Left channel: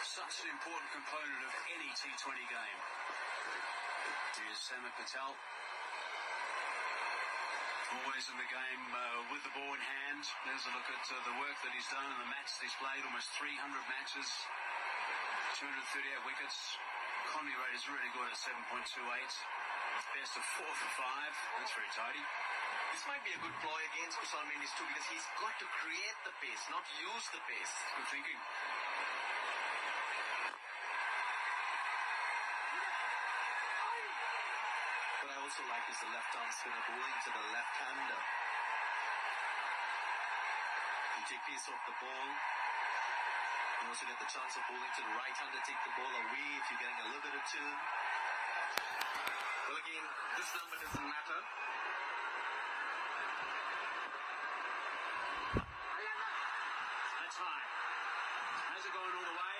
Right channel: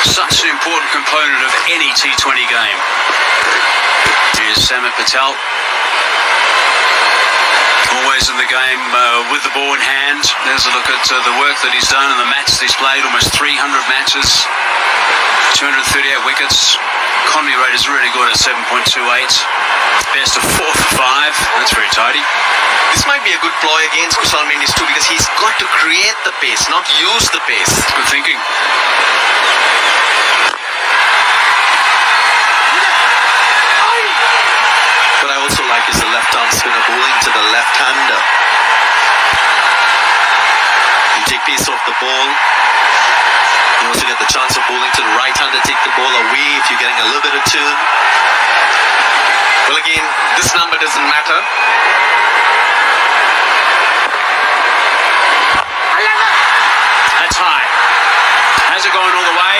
Such an important component of any T20 game. Here's Samit Patel. Always in the game with the ball in hand. There's a look at the work that he's done and the matches he's played. Almost 300 matches, 238 wickets. Economy rate is really good at 7.28. Best of 4 for 5. That's very tidy. This might be a good ploy against Kusal Mendis too, because he's got to create the pace, not use the pace. Good thinking. What I also like is the left-arm spinner bowling to the left-hander. You take pace off the ball. You also get the chance of bowling to the right-hander, take the ball away if you're getting a little bit of turn. Well, again, this number doesn't matter. That's high. Has it gone all the way?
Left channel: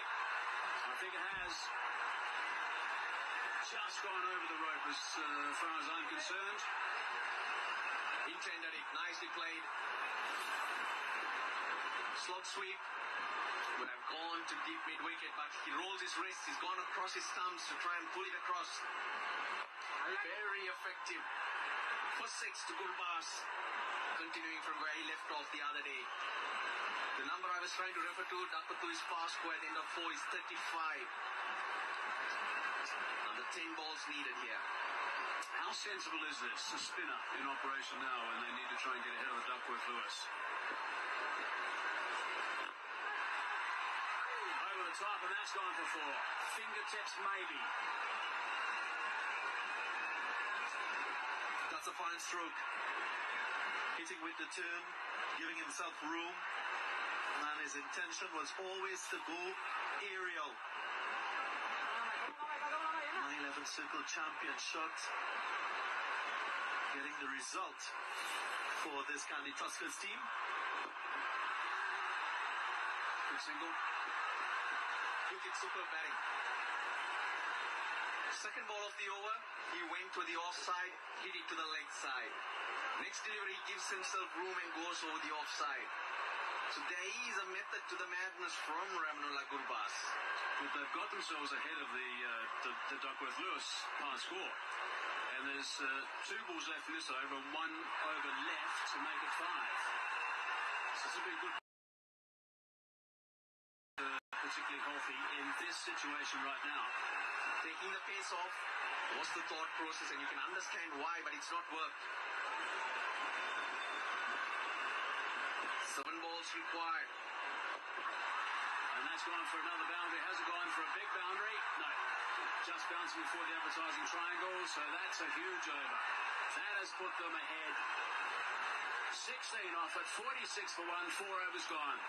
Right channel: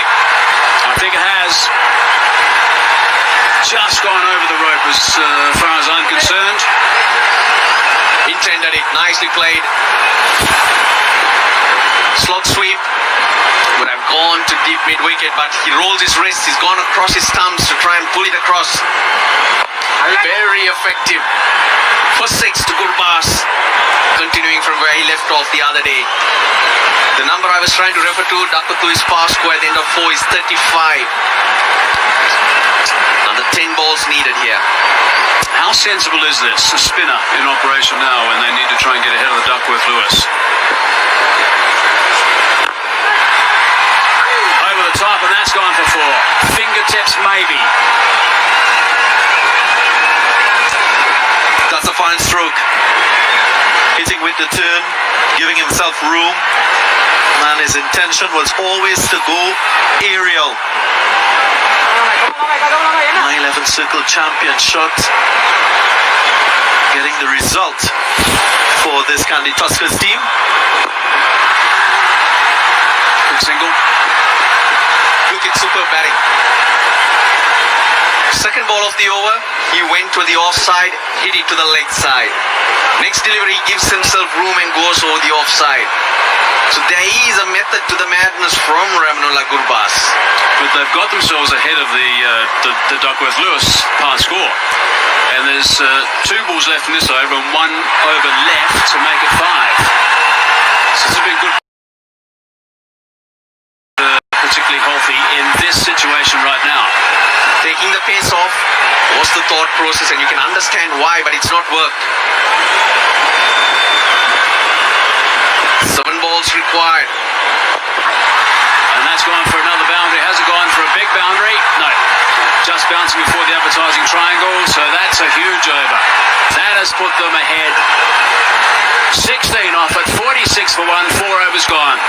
I think it has. Just gone over the rope as far as I'm concerned. Intended it. Nicely played. Slot sweep. Would have gone to deep mid-wicket, but he rolls his wrists. He's gone across his thumbs to try and pull it across. Very effective. For 6 to Gurbaz. Continuing from where he left off the other day. The number I was trying to refer to, Dakatu's pass score at the end of 4 is 35. Another 10 balls needed here. How sensible is this? A spinner in operation now when they need to try and get ahead of the Duckworth-Lewis. Over the top, and that's gone for 4. Fingertips, maybe. That's a fine stroke. Hitting with the turn, giving himself room. And his intention was always to go aerial. 9-11 circle champion shot. Getting the result for this Kandy Tuskers team. Good single. Look at super batting. Second ball of the over, he went to the offside, hit it to the leg side. Next delivery, he gives himself room and goes over the offside. So there is a method to the madness from Ramanullah Gurbaz. But they've got themselves ahead of the Duckworth-Lewis pass score. And there's 2 balls left in this over and 1 over left to make it 5. So it's a bit good. Particularly healthy in this situation right now. Taking the pace off was the thought process, and you can understand why, but it's not worked. 7 balls required. And that's gone for another boundary. Has it gone for a big boundary? No. Just bouncing before the advertising triangle, so that's a huge over. That has put them ahead. 16 off at 46 for 1, 4 overs gone.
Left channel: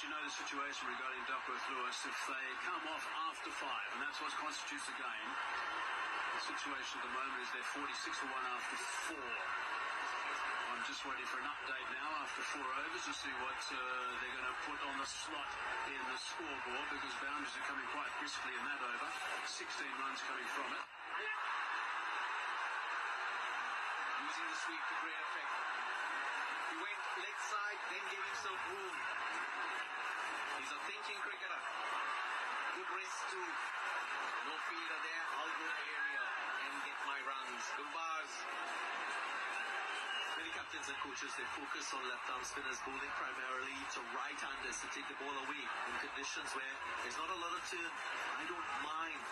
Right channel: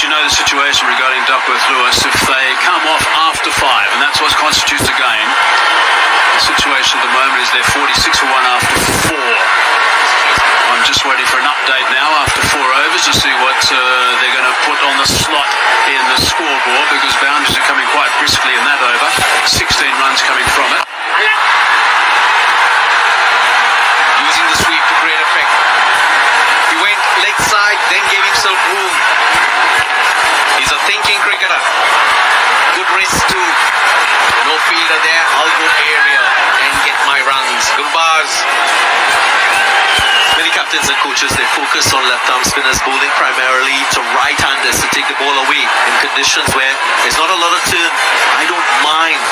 You know the situation regarding Duckworth-Lewis. If they come off after 5, and that's what constitutes a game, the situation at the moment is they're 46 for 1 after 4. I'm just waiting for an update now after 4 overs to see what they're going to put on the slot in the scoreboard, because boundaries are coming quite briskly in that over. 16 runs coming from it. Using the sweep to great effect. He went leg side, then gave himself room. He's a thinking cricketer. Good wrist too. No fielder there. I'll go aerial and get my runs. Gurbaz. Many captains and coaches, they focus on left-arm spinners bowling primarily to right-handers to take the ball away in conditions where there's not a lot of turn. I don't mind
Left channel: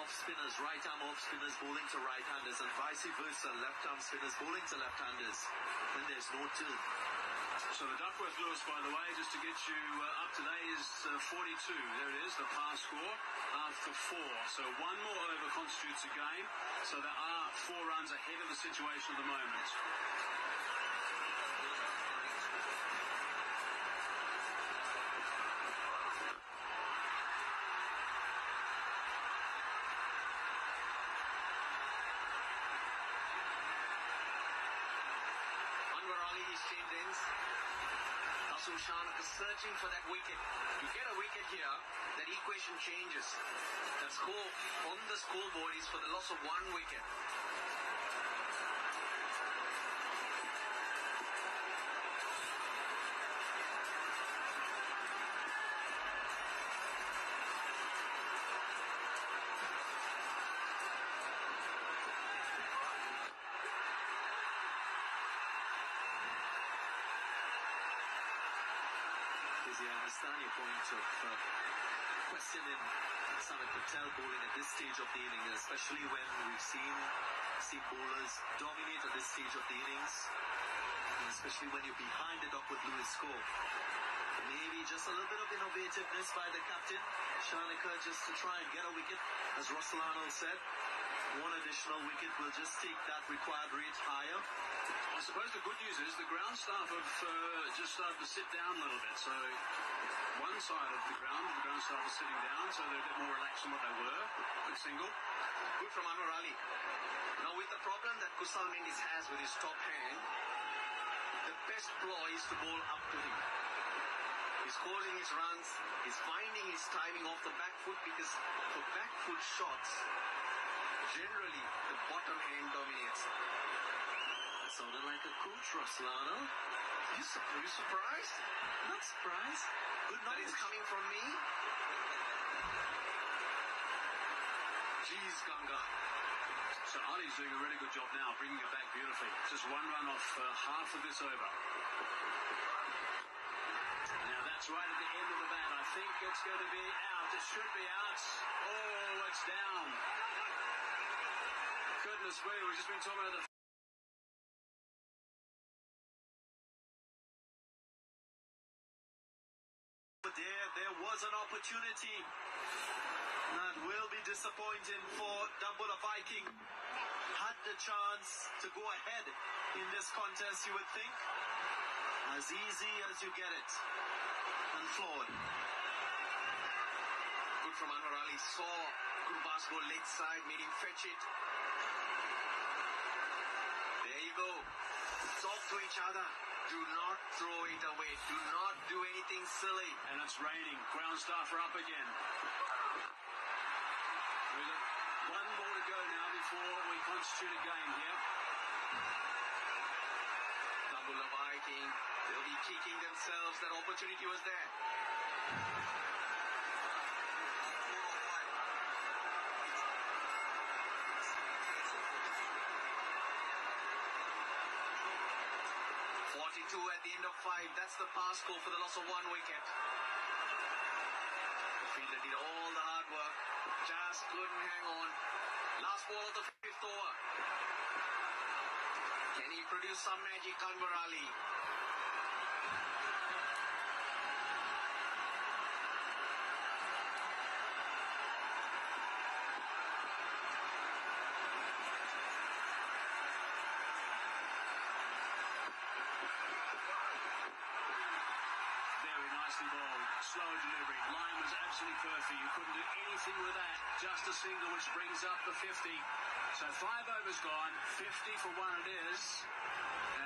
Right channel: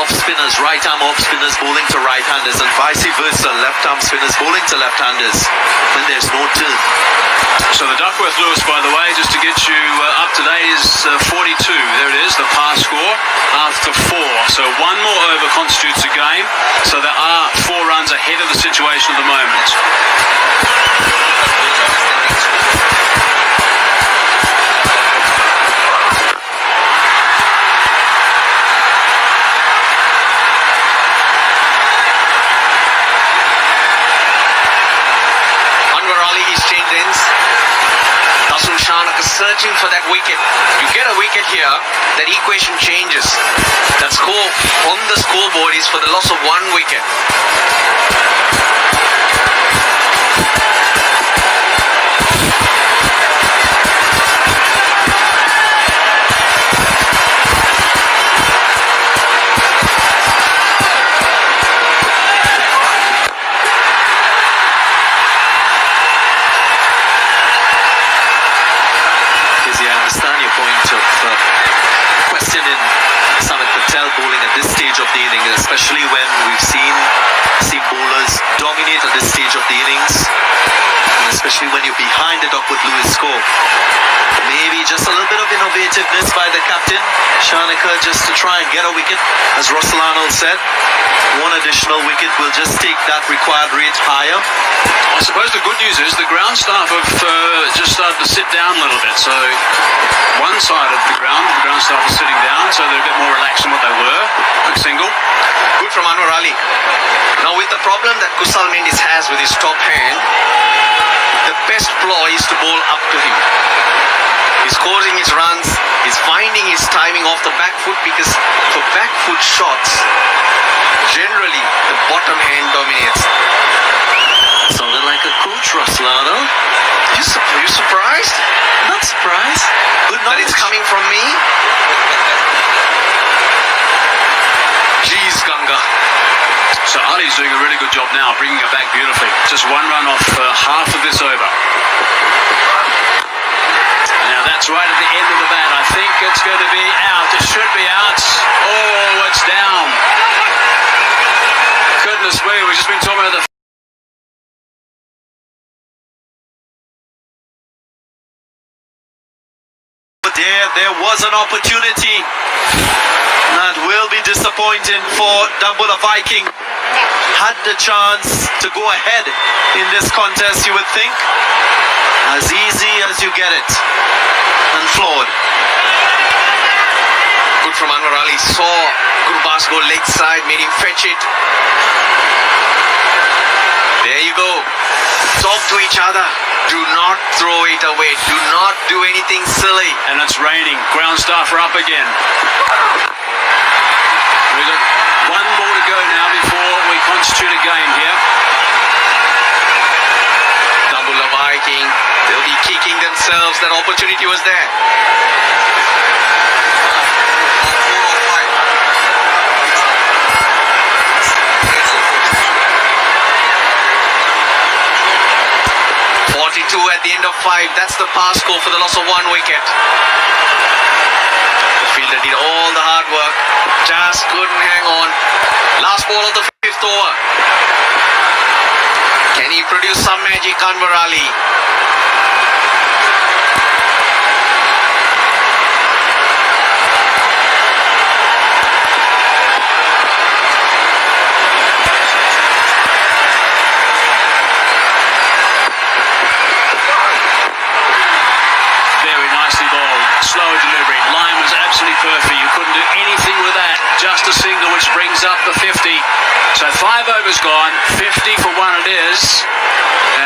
off-spinners, right-arm off-spinners bowling to right-handers, and vice versa, left-arm spinners bowling to left-handers when there's no turn. So the Duckworth-Lewis, by the way, just to get you up to date, is 42. There it is, the pass score after 4. So one more over constitutes a game. So there are 4 runs ahead of the situation at the moment. Searching for that wicket. You get a wicket here, that equation changes. That score on the scoreboard is for the loss of 1 wicket. Especially when we've seen bowlers dominate at this stage of the innings, and especially when you're behind the Duckworth Lewis score. Maybe just a little bit of innovativeness by the captain, Shanaka, just to try and get a wicket. As Russell Arnold said, 1 additional wicket will just take that required rate higher. I suppose the good news is the ground staff have just started to sit down a little bit. So one side of the ground staff is sitting down, so they're a bit more relaxed than what they were. Quick single. Good from Anwar Ali. Now with the problem that Kusal Mendis has with his top hand, the best ploy is to bowl up to him. He's scoring his runs, he's finding his timing off the back foot, because for back foot shots, generally the bottom hand dominates. Sounded like a coach, Russell Arnold. You surprised? Not surprised. Good That knowledge. it's coming from me? Jeez, Ganga. So Ali's doing a really good job now, bringing it back beautifully. Just 1 run off half of this over. Now that's right at the end of the bat. I think it's going to be out. It should be out. Oh, it's down. Goodness me, we've just been talking about the... There was an opportunity that will be disappointing for Dambulla Viking. Had the chance to go ahead in this contest, you would think. As easy as you get it. And flawed. Good from Anwar Ali. Saw Gurbas go leg side, made him fetch it. There you go. Talk to each other. Do not throw it away. Do not do anything silly. And it's raining. Ground staff are up again. We've got 1 more to go now before we constitute a game here. Dambulla Viking, they'll be kicking themselves. That opportunity was there. At the end of 5, that's the pass score for the loss of 1 wicket. The fielder did all the hard work, just couldn't hang on. Last ball of the 5th over. Can he produce some magic, Anwar Ali? Slower delivery. Line was absolutely perfect. You couldn't do anything with that. Just a single, which brings up the 50. So 5 overs gone. 50 for 1 it is.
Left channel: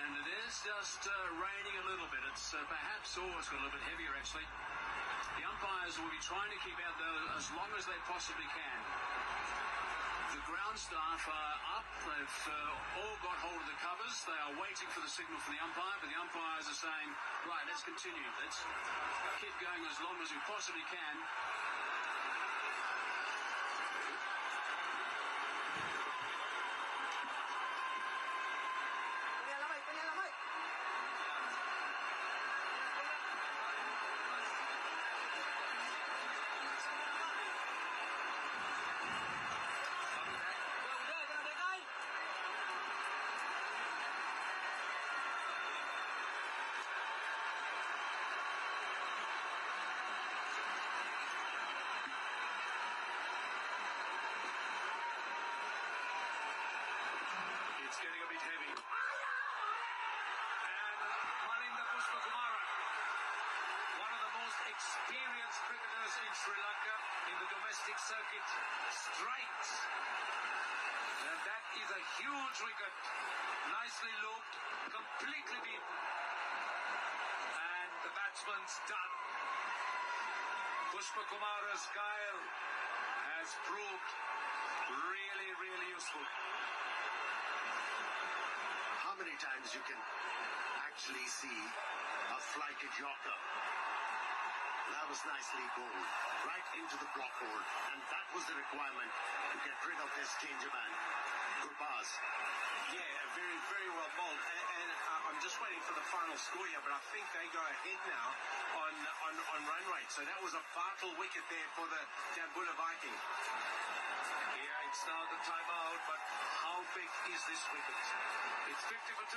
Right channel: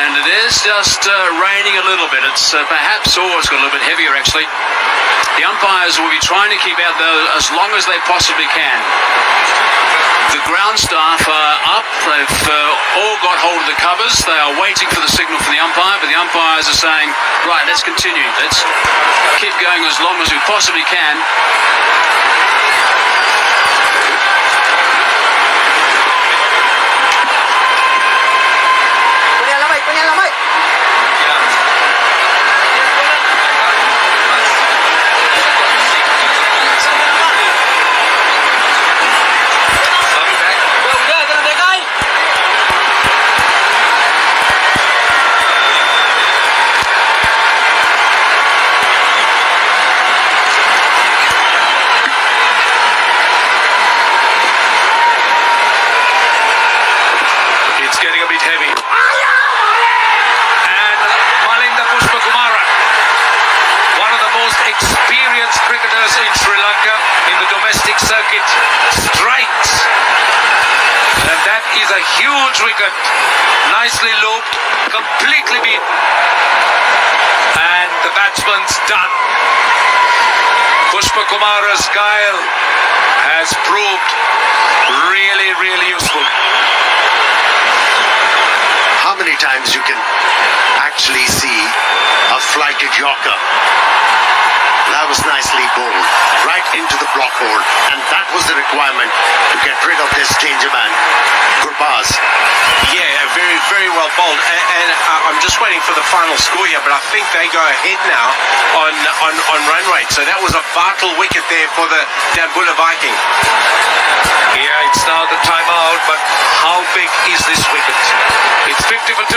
And it is just raining a little bit. It's perhaps, it's got a little bit heavier actually. The umpires will be trying to keep out though as long as they possibly can. The ground staff are up. They've all got hold of the covers. They are waiting for the signal from the umpire, but the umpires are saying, right, let's continue. Let's keep going as long as we possibly can. took it straight. And that is a huge wicket. Nicely looped, completely beaten. And the batsman's done. Pushpa Kumara's guile has proved really, really useful. How many times you can actually see a flighted yorker? That was nicely bowled right into the block hole, and that was the requirement to get rid of this danger man, Gurbaz. Yeah, very, very well bowled. And I'm just waiting for the final score here, but I think they go ahead now on run rate. So that was a vital wicket there for the Dambulla Viking. Yeah, it's now the timeout, but how big is this wicket? It's 50 for 2.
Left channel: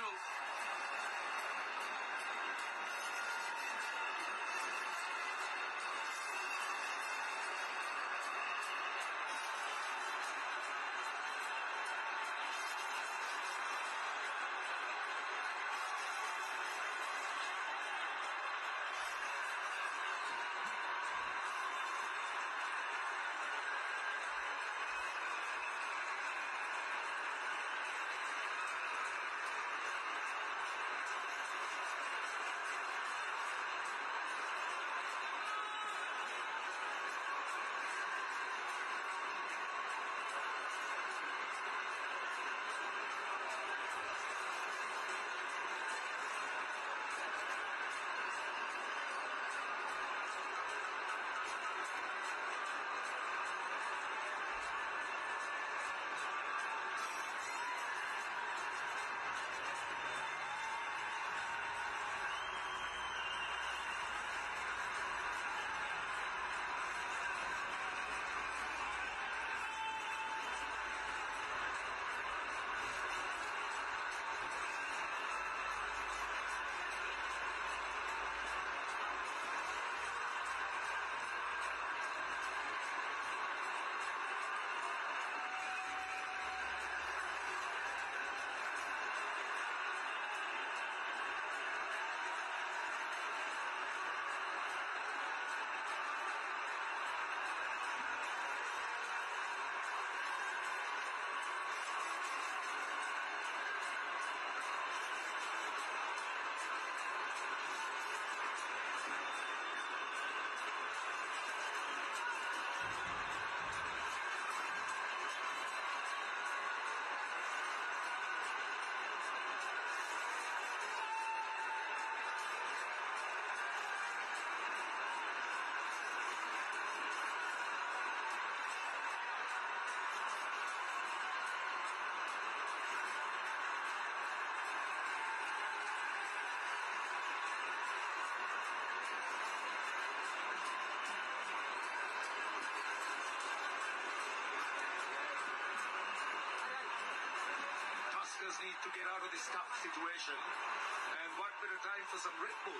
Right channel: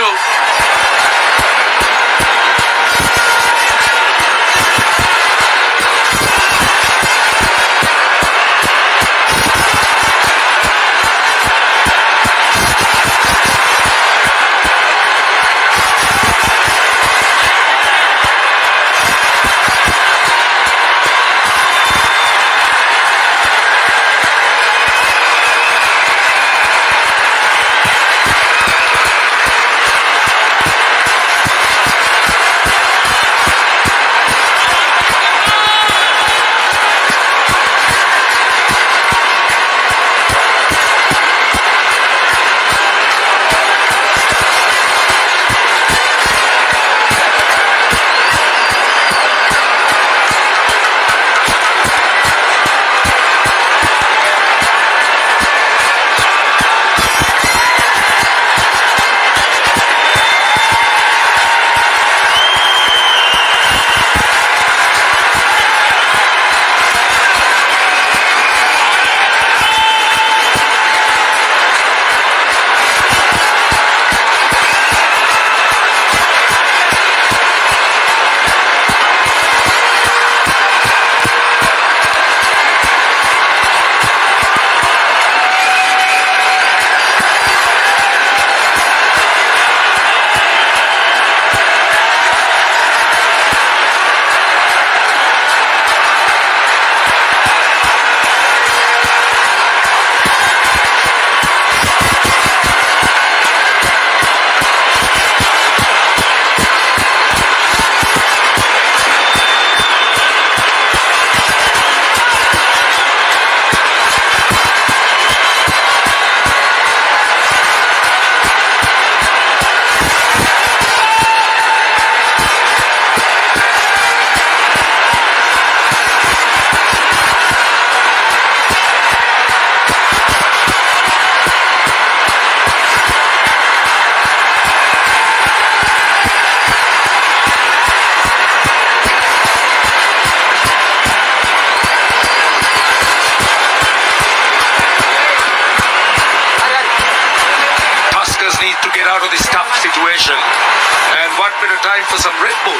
Situation, and what better time for some Red Bull?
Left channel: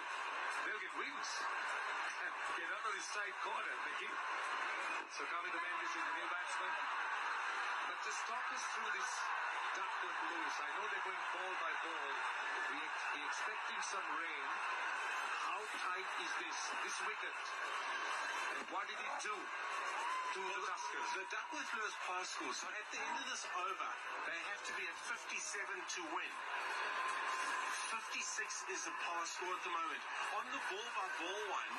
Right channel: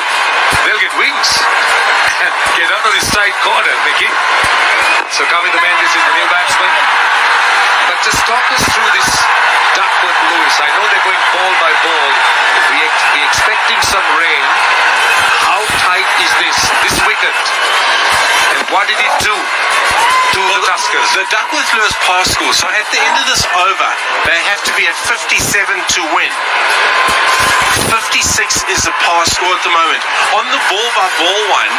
They'll get wings and get out of this tight corner, Mickey. So coming the man, this is the new batsman. But just talk us through this Duckworth Lewis. I know they're going ball by ball. We're expecting some rain. How tight is this wicket? And what did it do to the Tuskers? The Duckworth Lewis pass score. So at the end of this over, they have to be at 57 to win. 56 is the pass score at the moment. On the ball by ball one,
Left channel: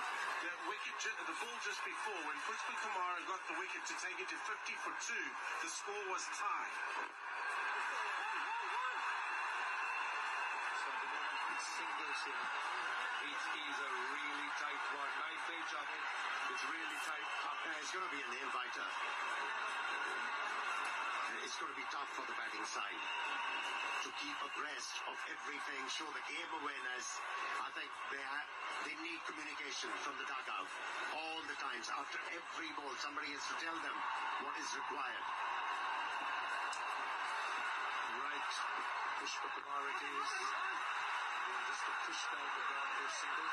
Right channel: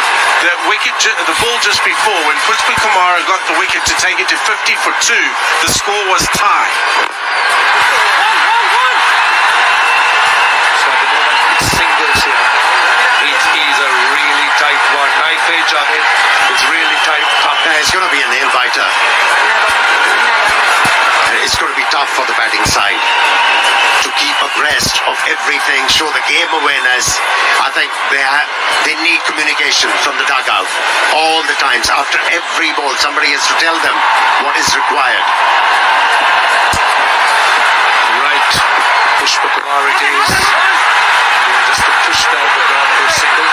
the ball just before, when Pushpa Kumara got the wicket to take it to 50 for 2, the score was tied. So at the moment it's singles here. It is a really tight one. Knife edge on it. It's really tight. Tough. Yeah, it's going to be a nail biter. It's going to be tough for the batting side to keep abreast of everything, show the game awareness. I think they need communication from the dugout all the times. After every ball, somebody has to tell them what is required. Right. Pushpa Kumar it is. Just to push down the ground for a single.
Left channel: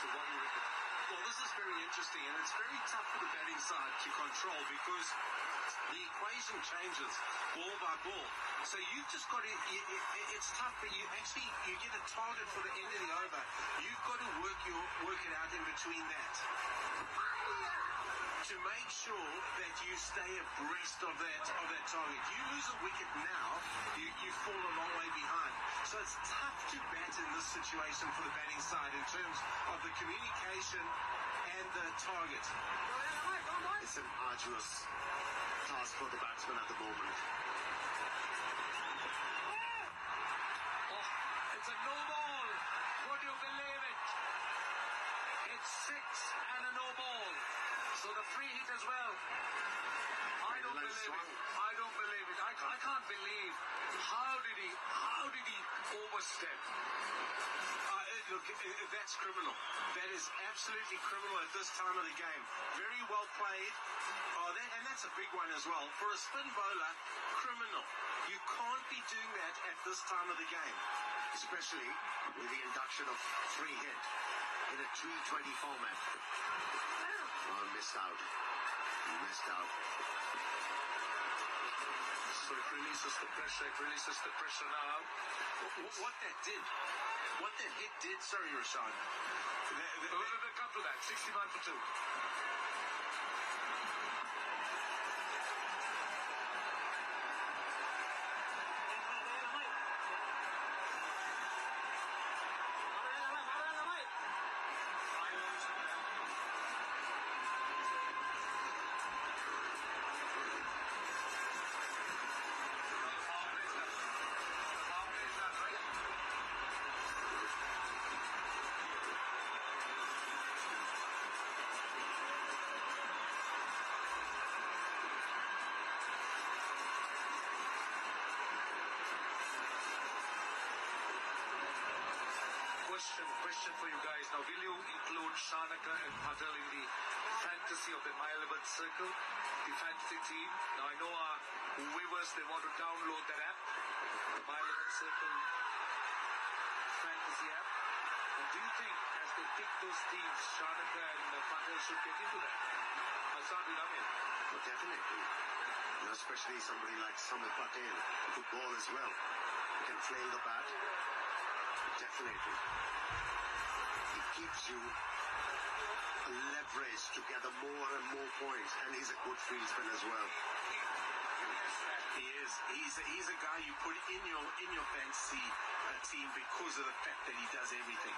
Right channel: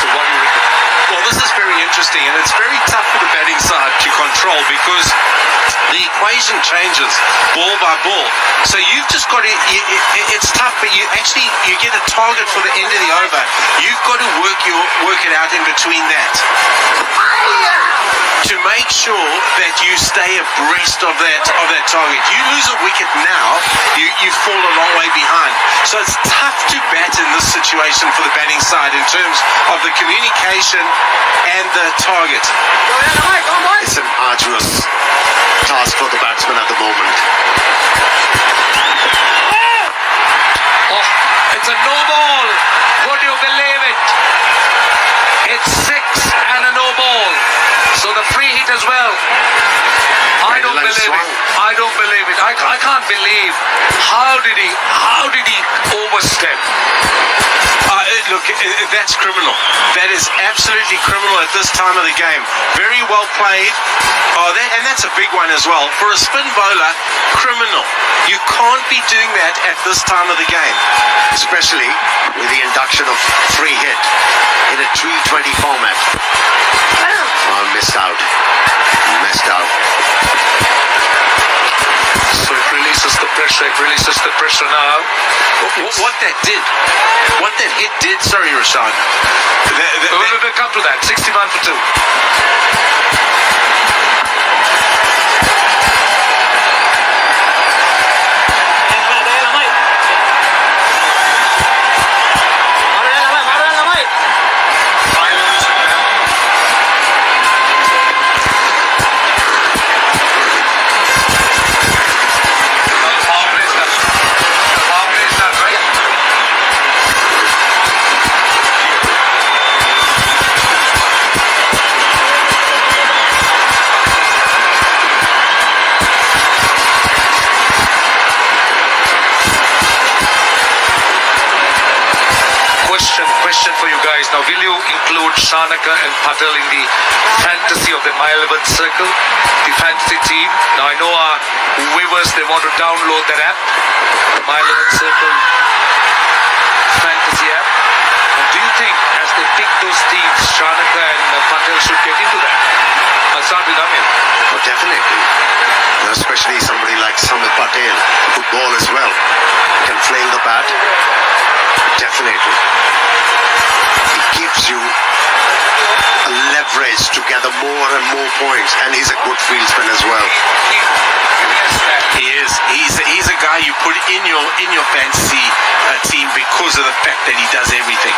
So what do you reckon? Well, this is very interesting, and it's very tough for the batting side to control because the equation changes ball by ball. So you've just got to, it's tough, but you get a target for the end of the over. You've got to work it out in between that. make sure that you stay abreast of that target. You lose a wicket now, you fall a long way behind. So it's tough to bat in this situation for the batting side in terms of the communication and the target. It's an arduous task for the batsman at the moment. Oh, it's a no ball. Would you believe it? It's 6 and a no ball. So the free hit as well. I don't believe it. I don't believe it. I can't believe. How did he overstep? Look, that's criminal. That is absolutely criminal at this time of the game. Very well played. And that's a big one as well. For a spin bowler, criminal. You can't be doing that at this time of the game. Especially with the induction of free hit in a t20 format. Oh, missed out. So it releases the pressure now. What that hit did, sorry Rashan. We'll come to that. 61 for 2. Question for you guys now. Will you include Shanaka and Patel in the fantasy of the My 11 Circle, the fantasy team? Now I know our viewers, they want to download that app, the My 11 Circle fantasy app. And do you think as they pick those teams, Shanaka and Patel should get into that? I'll start with Amir. Oh, definitely. Especially somebody like Samit Patel, good ball as well. Can fling the bat. Definitely. It gives you a leverage to gather more and more points, and he's a good fieldsman as well. He is. He's a guy you put in your fantasy team because of the fact that he does everything.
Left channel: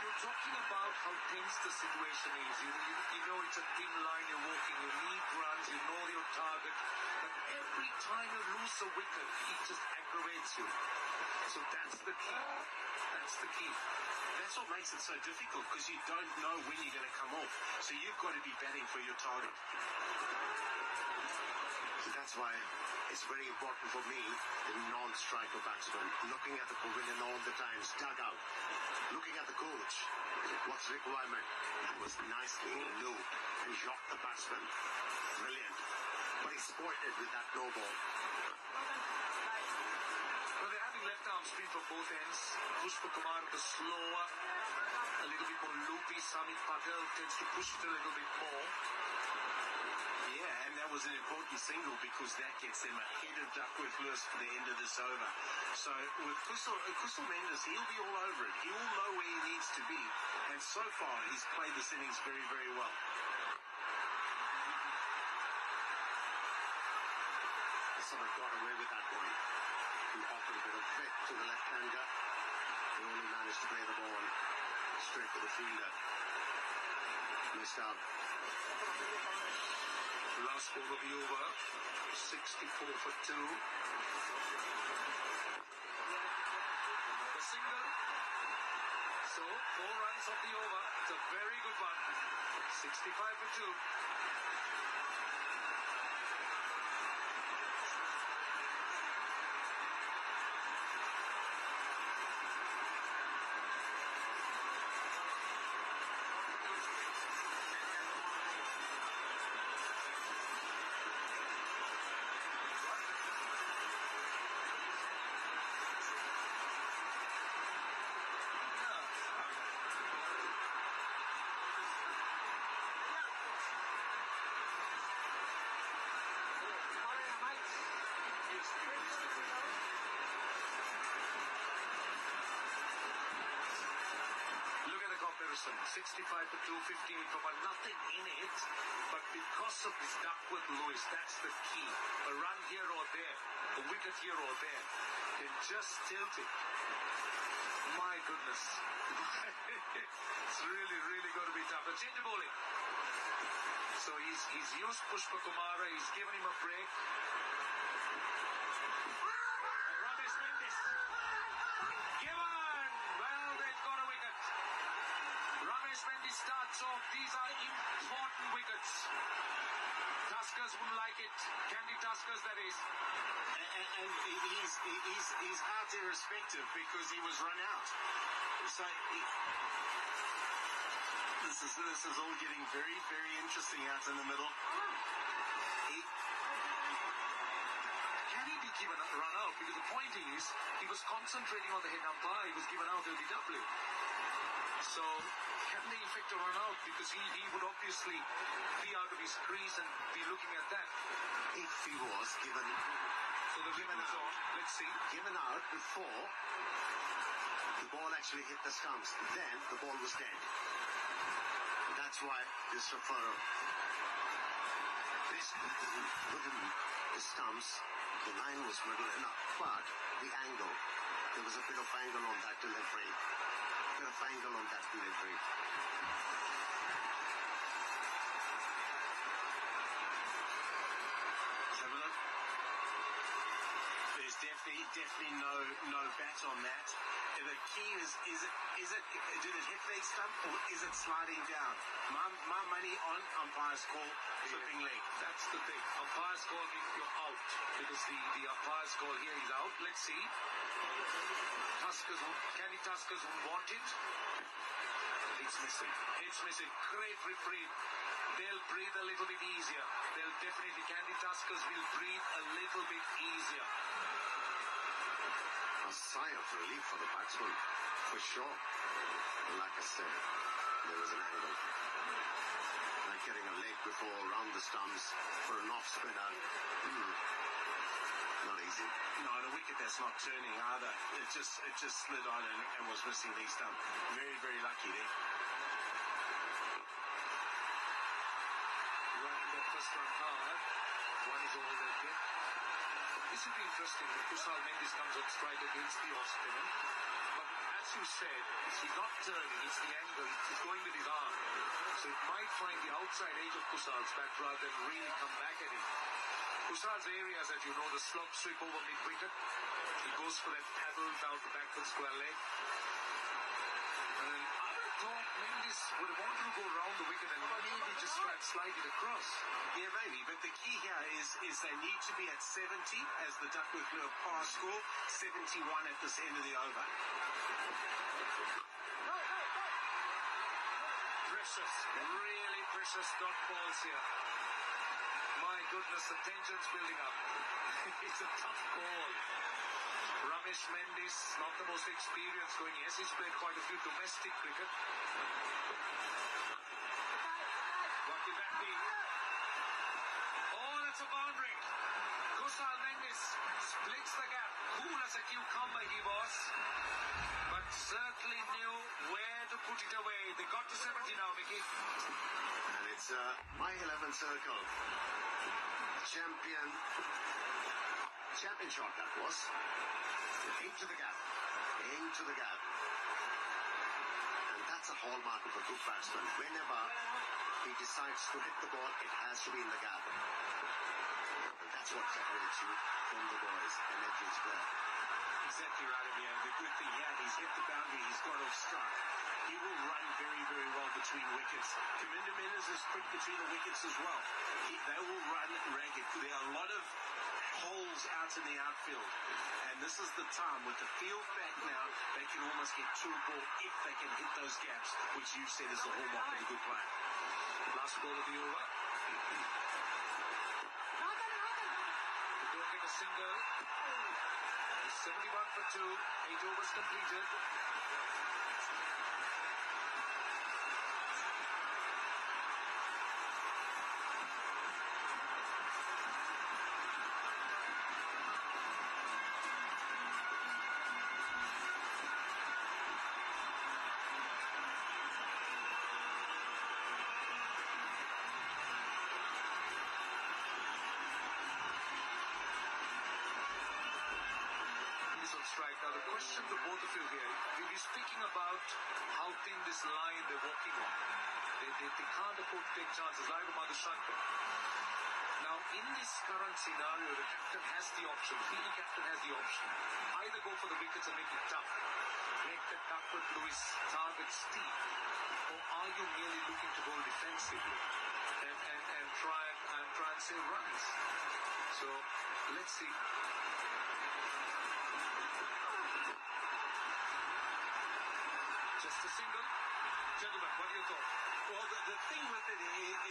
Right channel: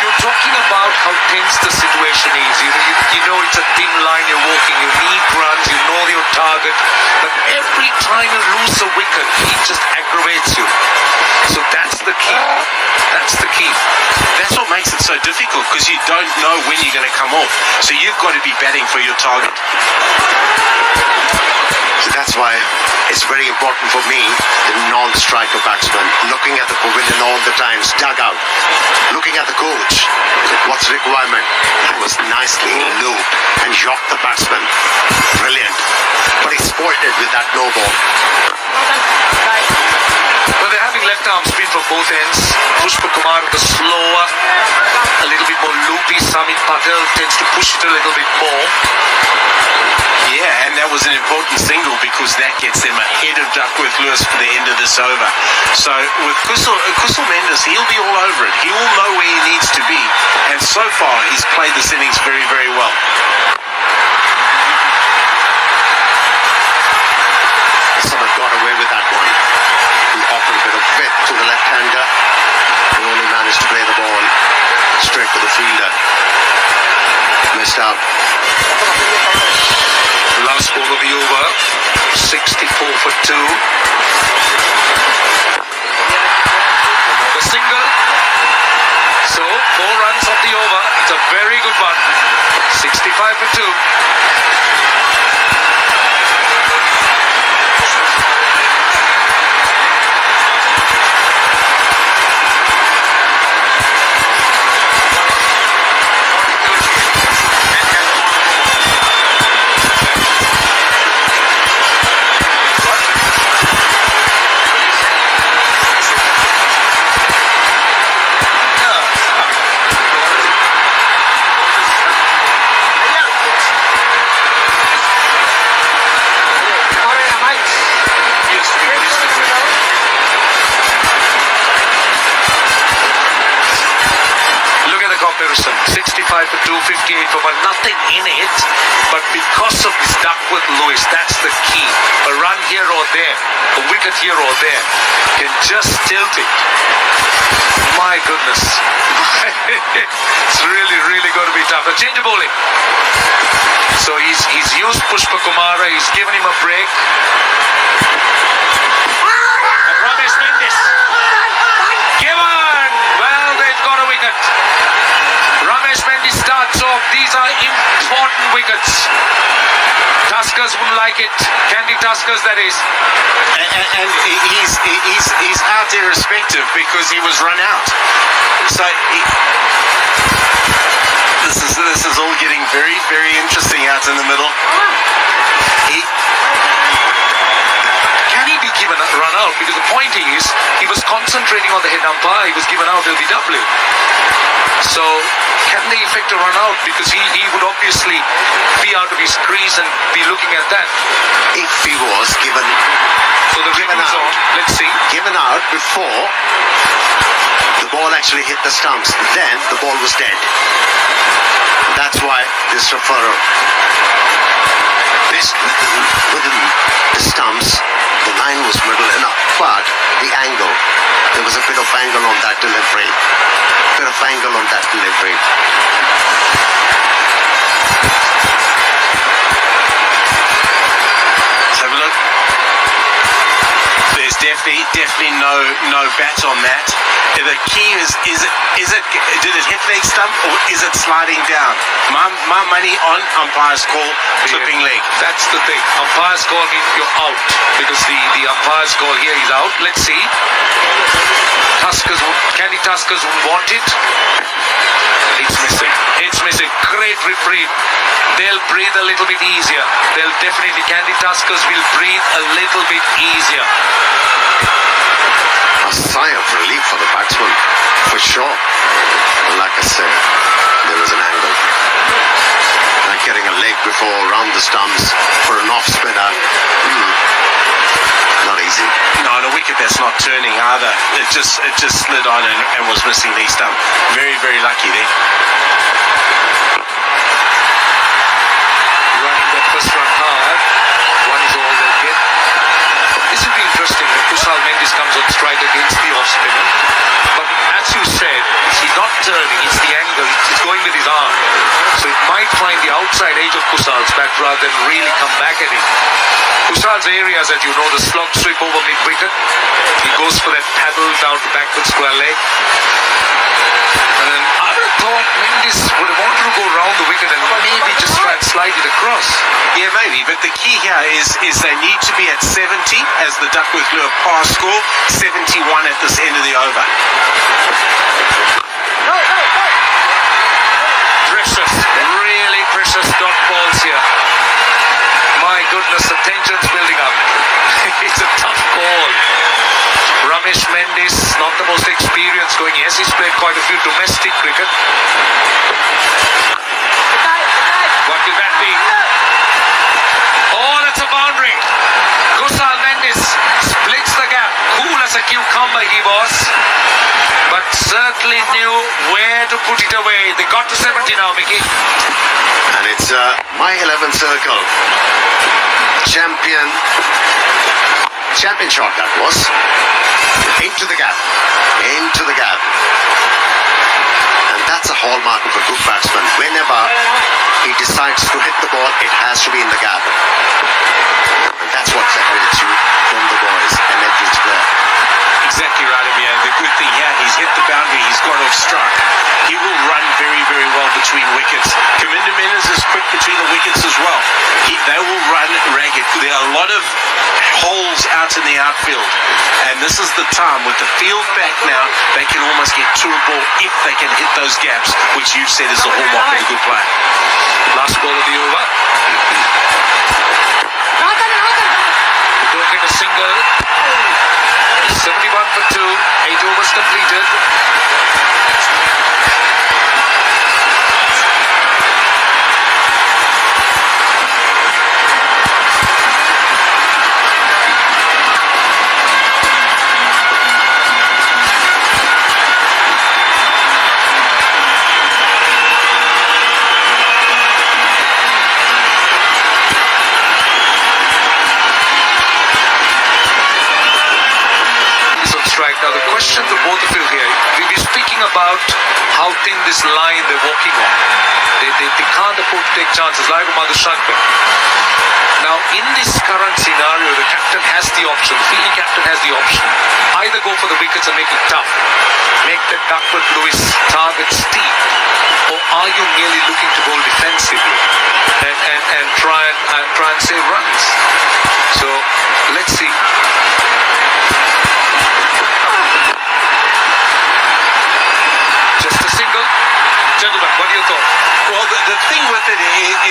You're talking about how tense the situation is. You know it's a thin line you're walking. You need runs. You know your target. But every time you lose a wicket, it just aggravates you. So that's the key. That's the key. That's what makes it so difficult, because you don't know when you're going to come off. So you've got to be batting for your target. So that's why it's very important for me, the non-striker batsman, looking at the pavilion all the times, dugout, looking at the coach, what's the requirement. That was nicely looped and shocked the batsman. Brilliant. But he spoiled it with that no ball. Well, they're having left arm spin from both ends. Pushpa Kumar the slower, a little bit more loopy. Samit Patel tends to push it a little bit more. Yeah, and that was an important single because that gets them ahead of Duckworth Lewis for the end of this over. So with Kusal Mendes, he'll be all over it. He will know where he needs to be. And so far, he's played this innings very, very well. Someone got away with that one. He offered a bit of width to the left-hander, and only managed to play the ball straight to the fielder. Missed out. Last ball of the over, 64 for 2. Another single. So, 4 runs off the over. It's a very good one. 65 for 2. comparison. 65 for 2, 58 for 1. Nothing in it. But because of this Duckworth Lewis, that's the key. A run here or there, a wicket here or there, can just tilt it. My goodness. It's really, really going to be tough. A change of bowling. So he's used Pushpa Kumara. He's given him a break. And Ramesh Mendis. Given. Well, they've got a wicket. Ramesh Mendis starts off. These are important wickets. Tuskers wouldn't like it. Candy Tuskers, that is. And he's out irrespective because he was run out. So this is all getting very, very interesting out in the middle. Can he be given a run out? Because the point is, he was concentrating on the head umpire. He was given out LBW. So can they effect a run out? Because he would obviously be out of his crease and be looking at that. If he was given Review's out. on. Let's see. Given out before the ball actually hit the stumps, then the ball was dead. That's why this referral. This within the stumps, the line was middle enough, but the angle, there was a bit of angle on that delivery. Let's have a look. There's definitely no bat on that. The key is it did it hit leg stump or is it sliding down? My money on umpire's call, clipping leg. That's the thing. Umpire's call means you're out. Because the umpire's call here is out. Let's see. Candy Tuskers would want it. It's missing. Great reprieve. They'll breathe a little bit easier. Candy Tuskers will breathe a little bit easier. A sigh of relief for the batsman, for sure. And like I said, there was an angle. Like getting a leg before around the stumps for an off spinner. Not easy. No, on a wicket that's not turning either. It just slid on and was missing the stump. Very, very lucky there. Running that first run hard. One is all they get. This will be interesting when Kusal Mendis comes on strike against the off spinner. But as you said, he's not turning, it's the angle, he's going with his arm. So it might find the outside edge of Kusal's bat rather than really come back at him. Kusal's areas, as you know, the slog sweep over mid-wicket. He goes for that paddle down to backward square leg. And I would have thought Mendis would have wanted to go round the wicket and maybe just try and slide it across. Yeah, maybe, but the key here is they need to be at 70 as the Duckworth Lure par score, 71 at this end of the over. Precious, really precious dot balls here. My goodness, the tension's building up. It's a tough call. Ramesh Mendis, not the most experienced going. Yes, he's played quite a few domestic cricket. What will that be? Oh, that's a boundary. Kusal Mendis splits the gap. Cool as a cucumber he was. But certainly knew where to put it away. They got to 70 now, Mickey. And it's my 11th circle. Champion shot that was. Into the gap. And that's a hallmark of a good batsman. Whenever he decides to hit the ball, it has to be in the gap. And that's what separates you from the boys and average player. Exactly right, Amir. The good thing here, he's hit the boundary, he's got off strike. He will run very, very well between wickets. Kaminda Menas is quick between the wickets as well. They will run ragged. There are a lot of holes out in the outfield. And this is the time, with the field back now, they can almost get to a ball if they can hit those gaps, which you've said is the hallmark of a good player. Last ball of the over. Don't get a single. 71 for 2. 8 overs completed. Now the question to both of you here, we're speaking about how thin this line they're walking on. They can't afford to take chances. Like Madhushankar. Now in this current scenario, the captain has the option, the fielding captain has the option. Either go for the wickets and make it tough, make the Duckworth-Lewis target steep, or are you merely looking to bowl defensively and try and save runs? So let's see. Just a single. Gentlemen, what are your thoughts? Well, the thing with it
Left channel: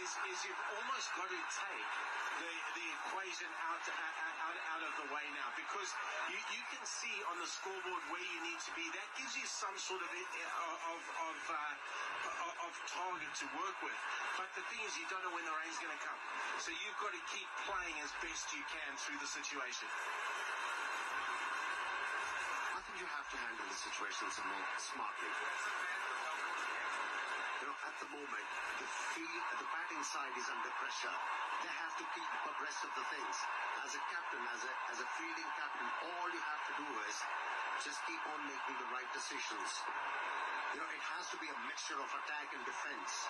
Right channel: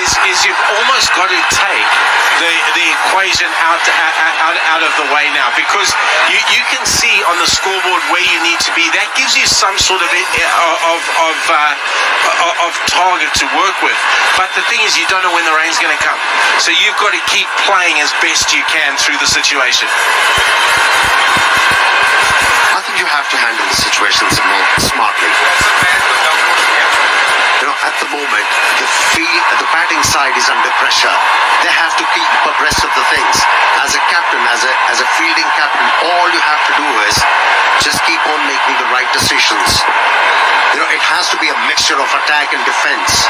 is you've almost got to take the equation out of the way now, because you can see on the scoreboard where you need to be. That gives you some sort of target to work with. But the thing is, you don't know when the rain's going to come, so you've got to keep playing as best you can through the situation. I think you have to handle the situations more smartly. You know, at the moment, the batting side is under pressure. They have to keep abreast of the things. As a captain, as a fielding captain, all you have to do is just keep on making the right decisions. You know, it has to be a mixture of attack and defense.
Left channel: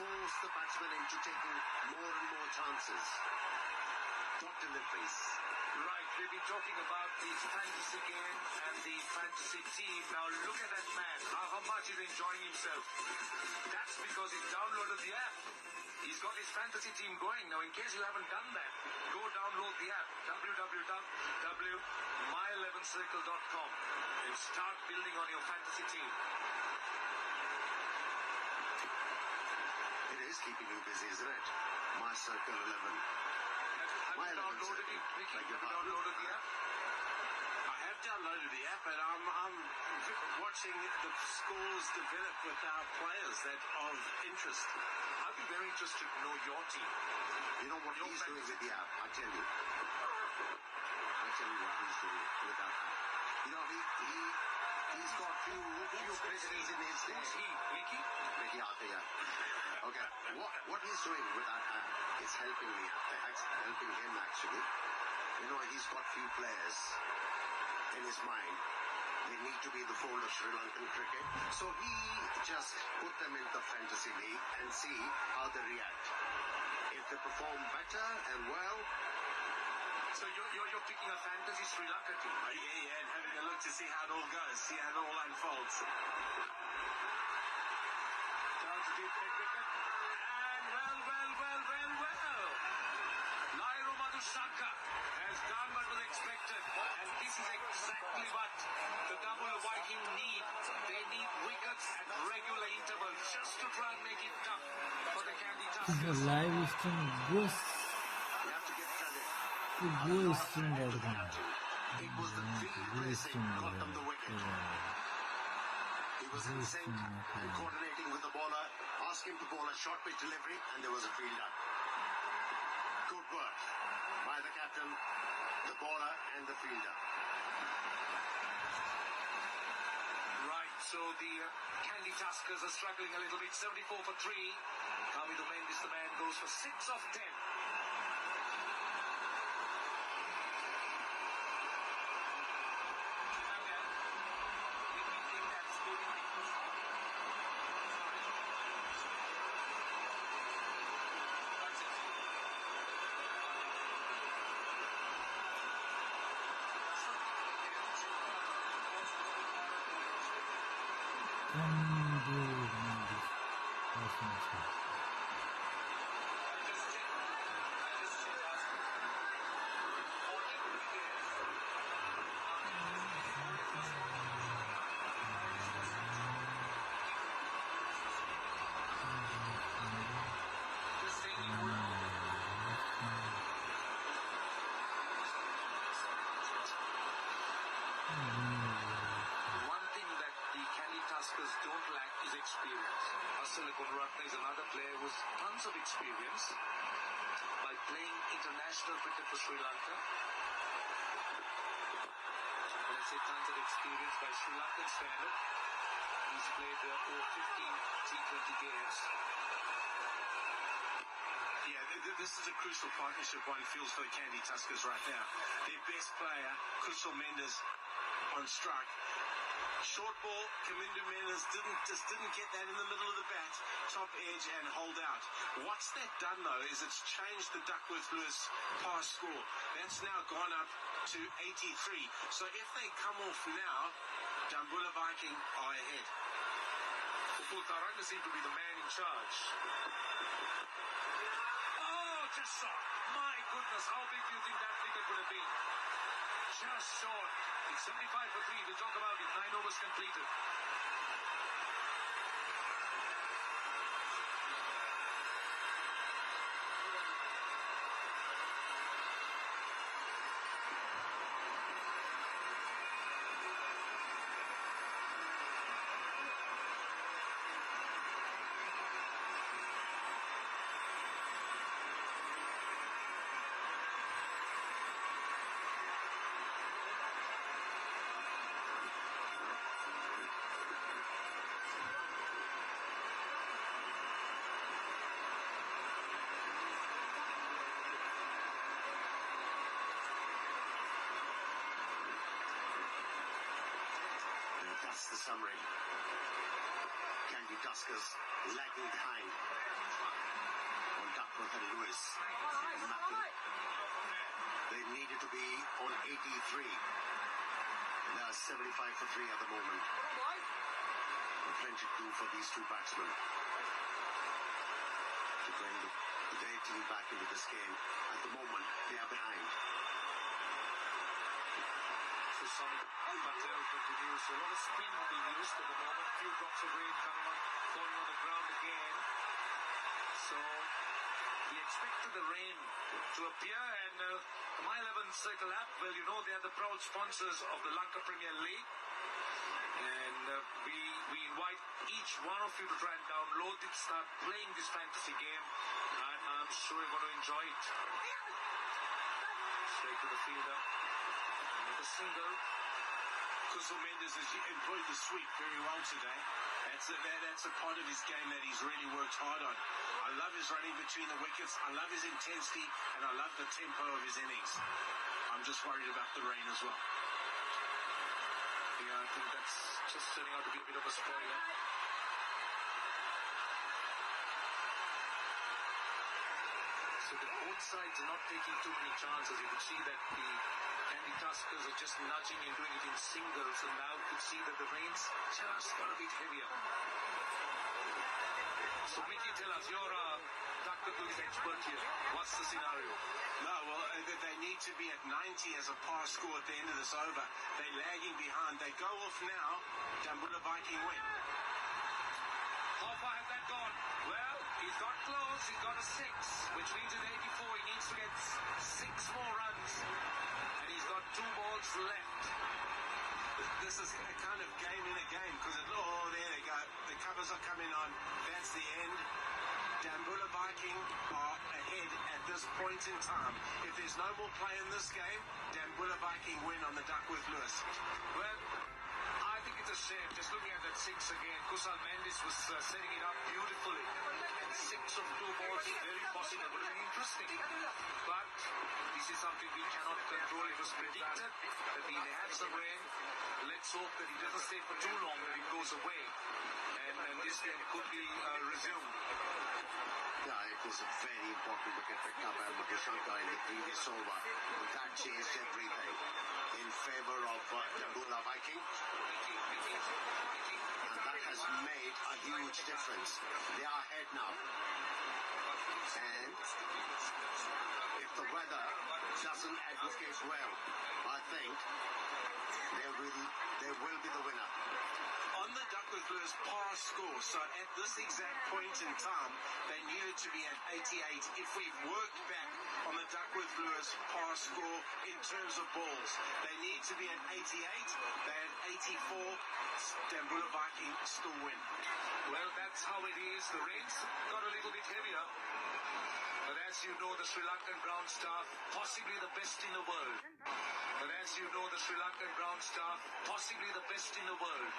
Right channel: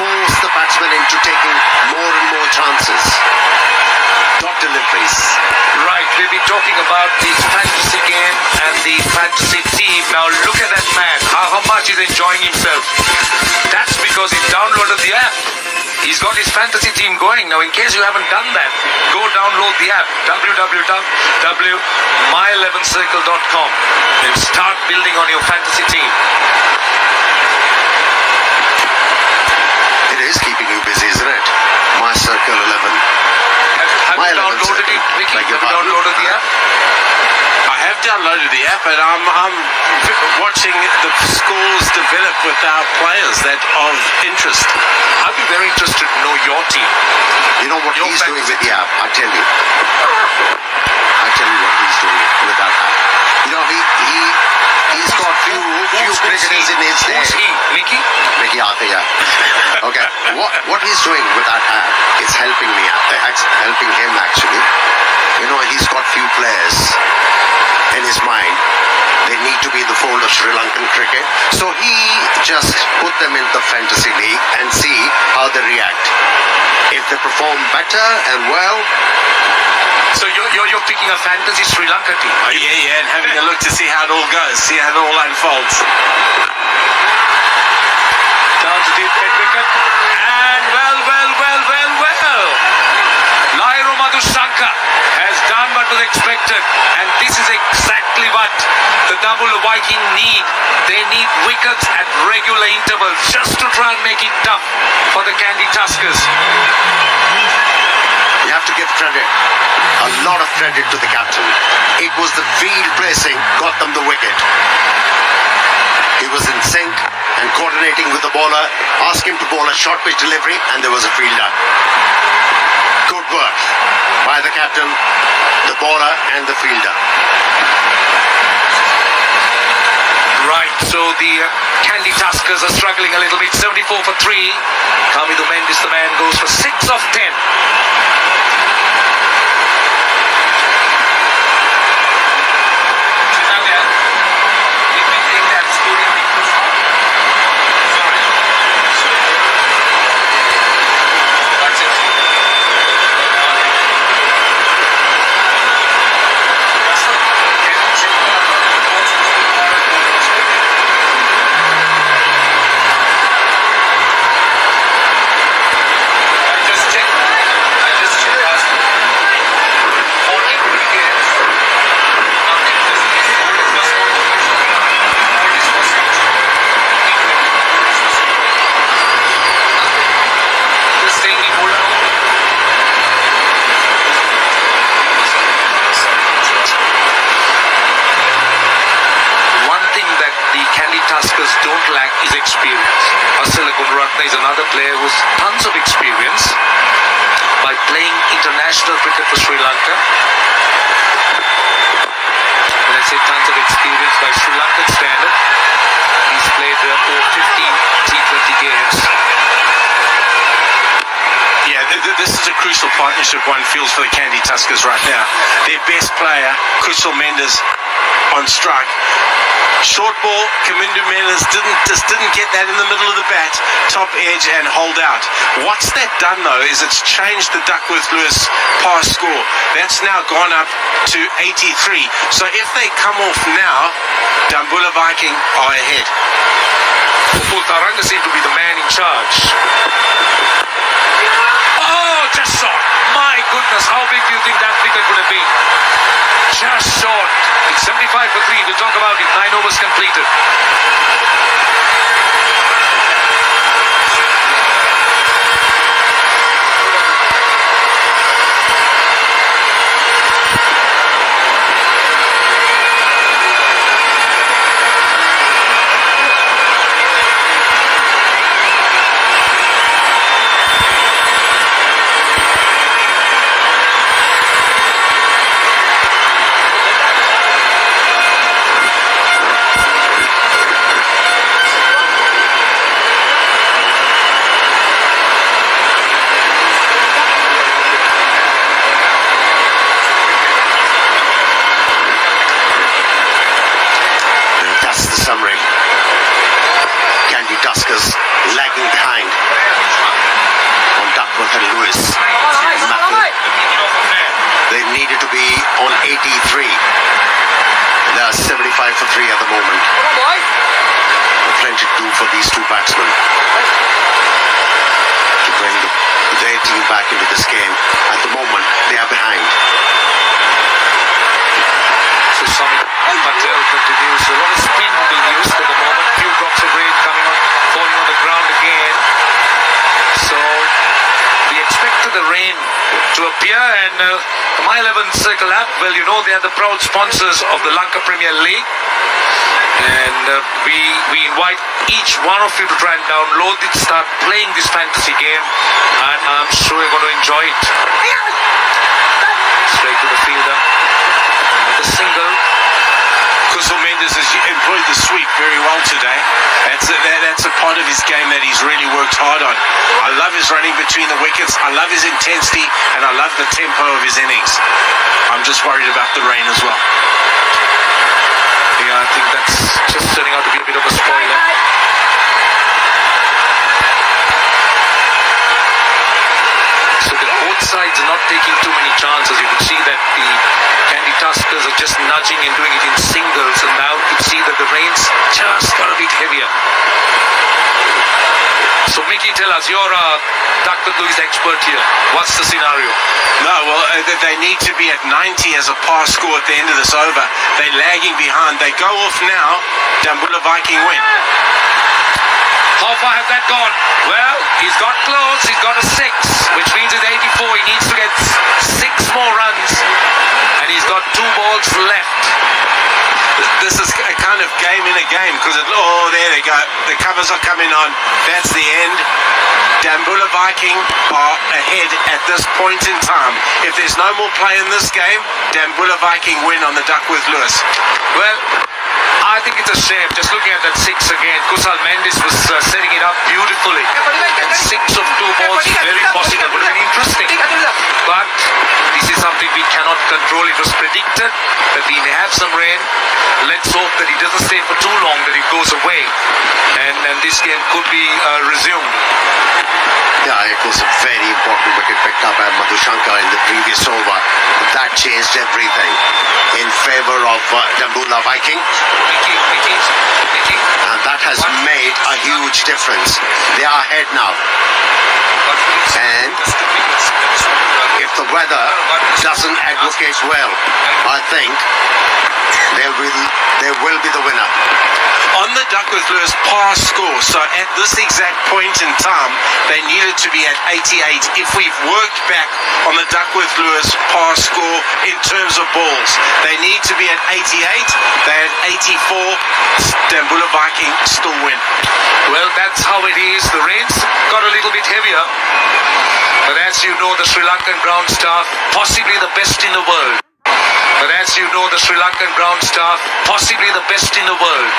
Force the batsman into taking more and more chances. Dot deliveries. Right, we've been talking about this fantasy game and the fantasy team. Now look at that man, how much he's enjoying himself. That's because he downloaded the app. He's got his fantasy team going. Now in case you haven't done that, go download the app, www.my11circle.com, and start building on your fantasy team. It is keeping you busy, isn't it? My Circle 11. Have you downloaded it, Vicky? Have you downloaded the app? I have downloaded the app, and I'm watching the scores develop with our players that of interest. I'd be very interested to know your team. You know what Your he's doing fantasy with the app? I tell you what he's doing with that app. You know, he's got few cricketers in his day. Who's he? Mickey? Mickey Arthur, yeah. Okay, what he's doing with that app is helping me, helping him actually. You know, he's got few players in his mind. They need to be in the fold of Sri Lankan cricket. So he just put them in the fantasy league and see how they react. If they perform better and well. So you're picking a fantasy Sri Lanka team, are you? Yeah, and having a look to see how it all goes, see how it all unfolds. Down to deep mid wicket. And well. Lairo Madhushankar has done what was expected. And this is exactly what the double Viking need. They need wickets at regular intervals just to try and make it tough for the Candy Tuskers. You have to give credit, a lot of credit to the captain. It was the field placing got them the wicket. He was in sync and coordinating with the bowler, asked him to bowl a short pitch delivery, and there was a fielder. Good work by the captain, the bowler, and the fielder. Right, so the Candy Tuskers are struggling a little bit. 74 for 3. Kamidu Mendis, the man, goes for 6 of 10. Don't lack is experience. Asala Gunaratne is another player who has tons of experience by playing international cricket for Sri Lanka. When I say tons of experience by Sri Lankan standard, he's played over 15 T20 games. Yeah, this is a crucial partnership one feels for the Candy Tuskers right now. Their best player, Kushal Mendes, on strike. Short ball, Kamindu Mendes didn't get that in the middle of the bat, top edge and hold out. What's that done though is it's changed the Duckworth-Lewis pass score. That's now gone up to 83. So if they come off now, Dambula Viking are ahead. Taranga seemed to be the man in charge. Oh, just short. My goodness, how big do you think that wicket would have been? Just short. It's 75 for 3. We'll talk about it. 9 overs completed. Summary. Candy Tuskers lagging behind on Duckworth and Lewis. They needed to be on 83. They are 75 for 3 at the moment. Plenty to do for these two batsmen to bring their team back into this game. At the moment, they are behind. So Sami Patel continues. A lot of spin being used at the moment. Few drops of rain coming on, falling on the ground again. So we expected the rain to appear, and the My 11 Circle app, well, you know they are the proud sponsors of the Lanka Premier League. And we invite each one of you to try and download it, start playing this fantasy game, and I'm sure you're going to enjoy it. Straight to the fielder. Another single. Kushal Mendes has employed the sweep very well today. That's a part of his game that he's really worked hard on. I love his running between the wickets. I love his intensity, and I love the tempo of his innings. I'm just worried about the rain as well. Yeah, I think that's just turning out to be a bit of a spoiler. So both sides are not taking too many chances. You can see that the Candy Tuskers are just nudging and doing it in singles, and now you can see that the rain's just got a bit heavier. So Mickey, tell us, you're a Duckworth-Lewis expert here. What's the scenario? No, well, they need to be at 90 as a pass score at the end of this over. They're lagging behind. They go off now. Dambula Viking win. How far has that gone? Well, he's got close. He's got a 6, which means it's 84. He needs to get 6 more runs, and he's got 2 balls left. This is a kind of game in a game because there they go. The covers are coming on. That's the end. Dambula Viking are ahead at this point in time. If there's no more play in this game, Dambula Viking win on the Duckworth-Lewis. Well, I think it's a shame. Just looking at that 6 again, Kushal Mendes was setting it up beautifully. And 6 of 2 balls, very possible. Would have been interesting. But this is something we cannot control. It was predicted that we may have some rain. Let's hope that it doesn't stay for too long, that it goes away. And this game could be resumed. Yeah, it was a very important wicket picked up by Madhushankar in the previous over. That changed everything in favour of Dambula Viking. And that has made a huge difference. They are ahead now. And if the weather doesn't advocate well, I think they will be the winner. On the Duckworth-Lewis pass score, so at this exact point in time, they needed to be at 88. If we've worked back on the Duckworth-Lewis pass score in terms of balls, they need to be at 88. They're at 84. Dambula Viking still win. Well, that's how it is. The rain's got a little bit heavier. But as you know, the Sri Lankan ground staff, possibly the best in the world. But as you know, the Sri Lankan ground staff, possibly the best in the world,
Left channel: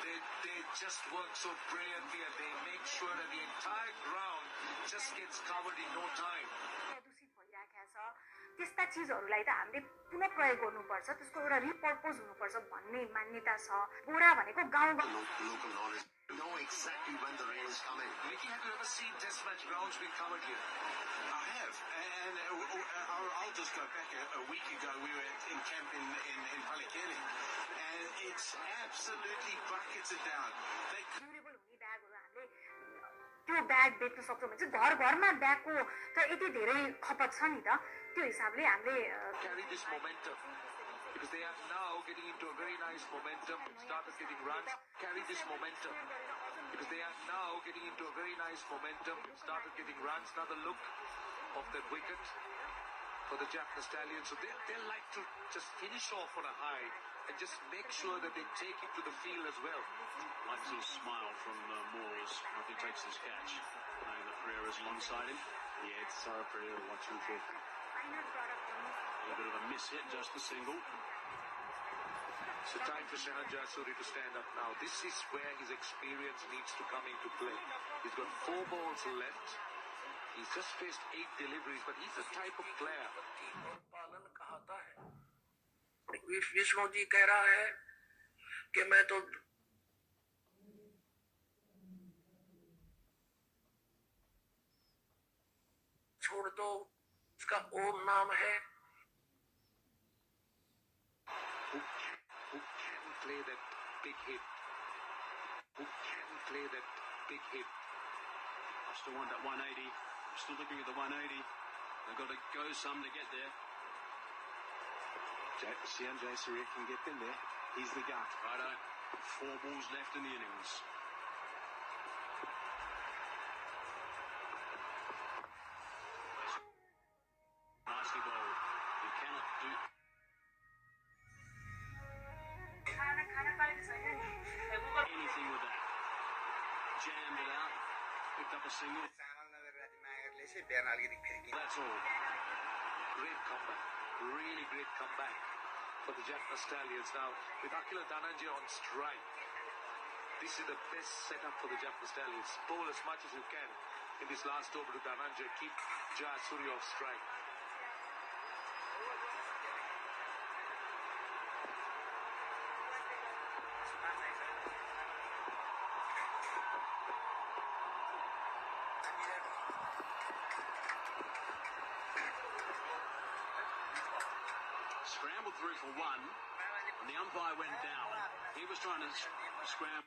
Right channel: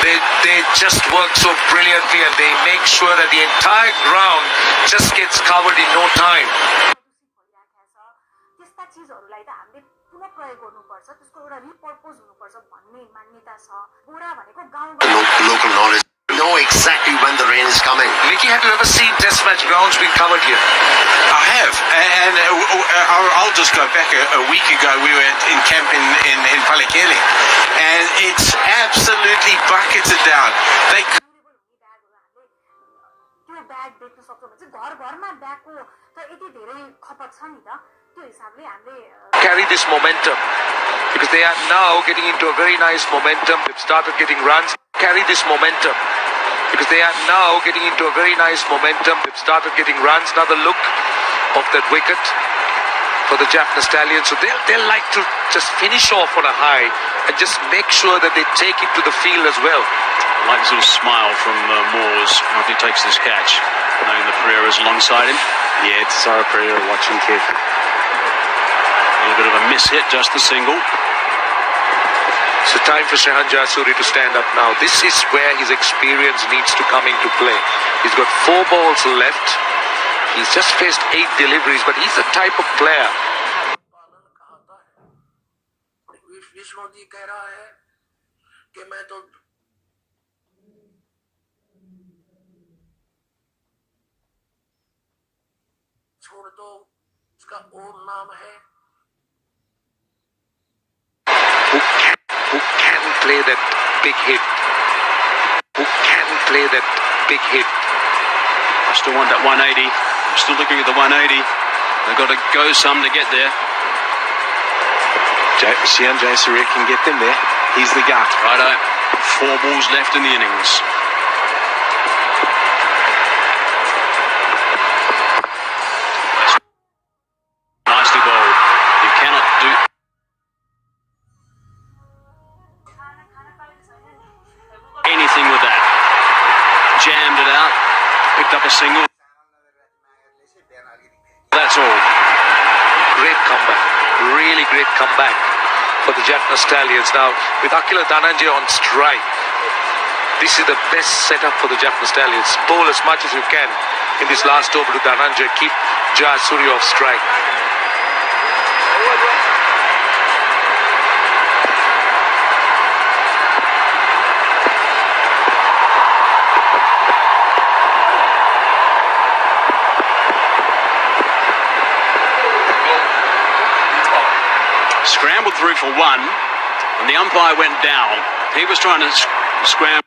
they just work so brilliantly and they make sure that the entire ground just gets covered in no time. त्यस्ता चिजहरूलाई त हामीले पुनः प्रयोग गर्नुपर्छ, त्यसको एउटा रिपर्पोज हुनुपर्छ भन्ने मान्यता छ। बोरा भनेको गाउँबाट Local knowledge. Know exactly when the rain is coming. Mickey, have you ever seen test match grounds being covered here? I have, and I'll just go back a week ago. We were in camp in Palekele, and it's absolutely bucketed down. They त्यो bag बेच्न सक्छौँ भने चाहिँ घर घरमा ब्यागको त यति धेरै खपत छ नि त, त्यो हिसाबले हामीले Carry this momentum because they are now getting into a very nice momentum. They've started getting runs. Carry this momentum because they are now getting into a very nice momentum. They've started getting runs. Another look of that wicket for the Jaffna Stallions. So they'll like to just finish off on a high and just make sure that they take it to the field as well. I like his little smile from Moores after he takes this catch, knowing the Pereira's alongside him. Yeah, it's Sarah Pereira watching carefully. A little bit of a miss hit, just the single. So time for Shehan Jasuri to stand up now. This is where his experience needs to come into play. He's got 4 balls left. He's just faced 8 deliveries, but he's the type of player. Vishnu ji कह रहा है कि मैं तो छोड़ दो, इसका ओम नाम है। Who can play that big hit? Who can play that big hit? I still want that 180. I'm still looking at the 180. They've got to go some to get there. Shehan Jayasuriya can get them there. He's the guy. Righto. 4 balls left in the innings. Nicely bowled. You cannot do... anything with that. Jammed it out. Picked up a single. That's all. Great comeback. Really great comeback for the Jaffna Stallions. Now, with Akila Dhananjay on strike, this is the best setup for the Jaffna Stallions. Bowl as much as you can in this last over to Dhananjay. Keep Jayasuriya off strike. Scrambled through for 1, and the umpire went down. He was trying to scramble